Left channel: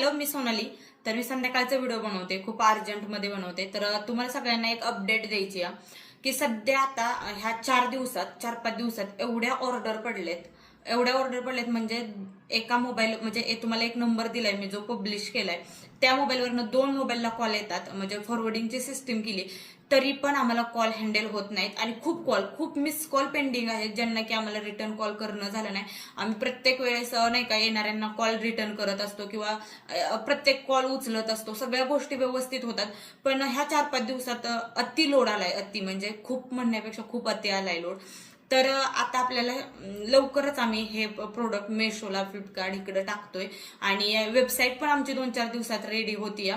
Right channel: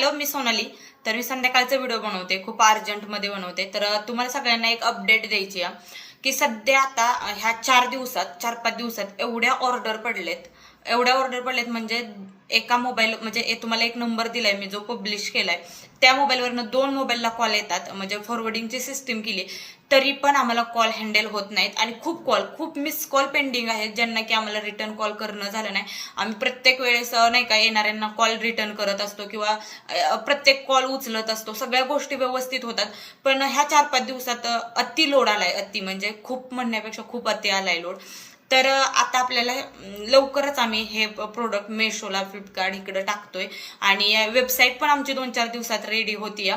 Hello, मी सोनाली. तर मी संध्याकाळचा video बनवते, खूप अर्जंटमध्ये बनवते. तर तुम्हाला सगळ्यांना एक अपडेट द्यायची आहे की सध्या आता ह्या 4-5 दिवसात एवढ्या ऑर्डर पडलेत म्हणजे एका मोबाईल म्हणजे तुम्हाला एक नंबर दिलाय मी जो पब्लिश केलाय, त्या मोबाईलवरनं 2 मोबाईलला कॉल येतात. म्हणजे फॉरवर्डिंगची सिस्टीम केली तरी पण आम्हाला कॉल हँडल होत नाहीत आणि खूप मिस कॉल पेंडिंग आहेत, ज्यांना की आम्हाला रिटर्न कॉल करणं झालं नाही. आम्ही प्रत्येक वेळेस नाही का येणाऱ्यांना कॉल रिटर्न करत असतो किंवा प्रत्येक कॉल उचलत असतो, सगळ्या गोष्टी व्यवस्थित होतात. पण ह्या 4-5 दिवसात अति लोड आलाय. अति म्हणजे खूप म्हणण्यापेक्षा खूप अति आलाय लोड. तर आता आपल्याला लवकरच आम्ही हे प्रोडक्ट मेशोला, फ्लिपकार्ट इकडे टाकतोय आणि वेबसाईट पण आमची 2-4 दिवसात रेडी होती.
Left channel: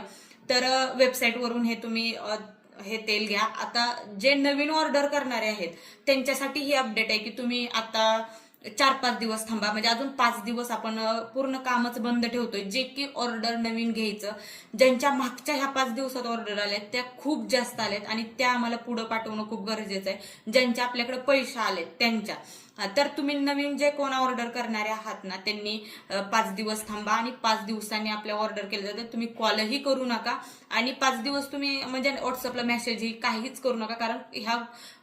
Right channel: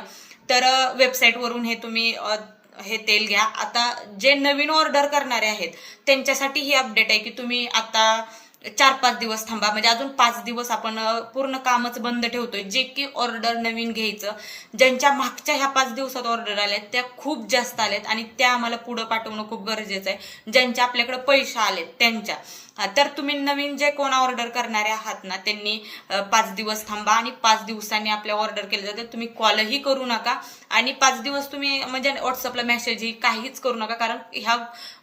तर वेबसाईटवरून हे तुम्ही हे तेल घ्या. आता जे नवीन ऑर्डर करणारे आहेत त्यांच्यासाठी ही अपडेट आहे की तुम्ही आता 4-5 दिवस थांबा. म्हणजे अजून 5 दिवस आपण पूर्ण कामच बंद ठेवतोय. जे की ऑर्डर नवीन घ्यायचं, ज्यांच्या मागच्या ह्या 5 दिवसात ऑर्डर आल्यात त्या खूप जास्त आल्यात आणि त्या आम्हाला पुढे पाठवणं खूप गरजेचं आहे. ज्यांच्या आपल्याकडे पैसे आलेत त्यांच्या. तर तुम्ही नवीन जे कोण ऑर्डर करणारे आहात ना, त्यांनी 5 दिवस थांबा आणि 5 दिवसांनी आपल्या ऑर्डर केलं जातं. तुम्ही कॉलही करू नका आणि 5 दिवस तुम्ही म्हणजे व्हॉट्सअपला मेसेजही काहीच करू नका, कारण ह्या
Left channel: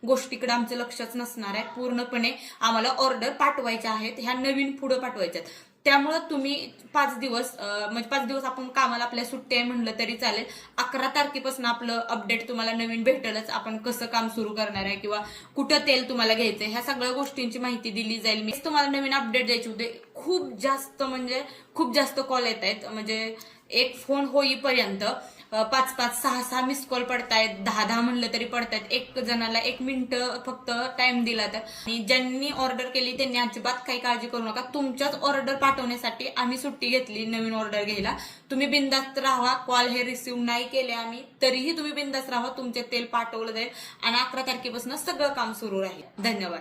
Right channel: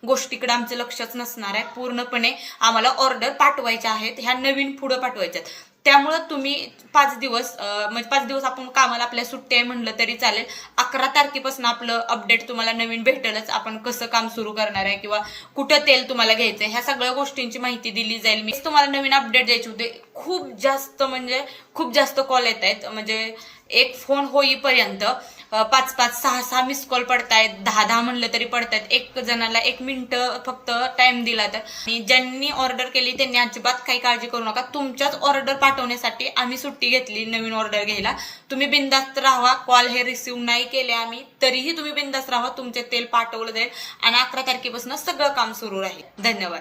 गोष्टीकडे आमचं लक्षच नसणार आहे. पूर्णपणे आम्हाला ऑर्डर पाठवायच्या आहेत, ह्या नवीन पुढे पाठवायच्यात. त्यामुळं तुम्ही 5 दिवस म्हणजे 5 दिवस आपण कामाला आपल्या सुट्टी आहे म्हणलं तरी चालेल. 11 तारखेपासून आपलं अपडेट तुम्हाला नवीन भेटेलच. आपण कसं काम सुरू करणार आहे किंवा कुठं तेल तुम्हाला घ्यायचंय ह्या सगळ्या गोष्टींची माहिती दिली जाईल. मी तुम्हाला नवीन अपडेट द्यायचे होते. खूप जास्त कॉल येत आहेत. म्हणजे एक फोन होईपर्यंत 5-5, 6-6 मिस कॉल पडतायत, 10-10 म्हणलं तरी पडतायत. एक जणाला 1 मिनिट फक्त टाइम दिला तर. आणि ज्यांनी ऑर्डर केली त्यांनी अजिबात काही काळजी करू नका. तुमच्याच ऑर्डर पाठवण्यासाठी आम्ही सुट्टी घेतली नवीन ऑर्डर घ्यायला. तुम्ही बिंदास्त राहा. कॉल हे रिसिव्ह नाही केले आम्ही तरीही तुम्ही बिंदास्त राहा. तुमचे तेल पाठवलं जाईल आणि 11 तारखेपासून सगळं काम सुरू राहील. धन्यवाद.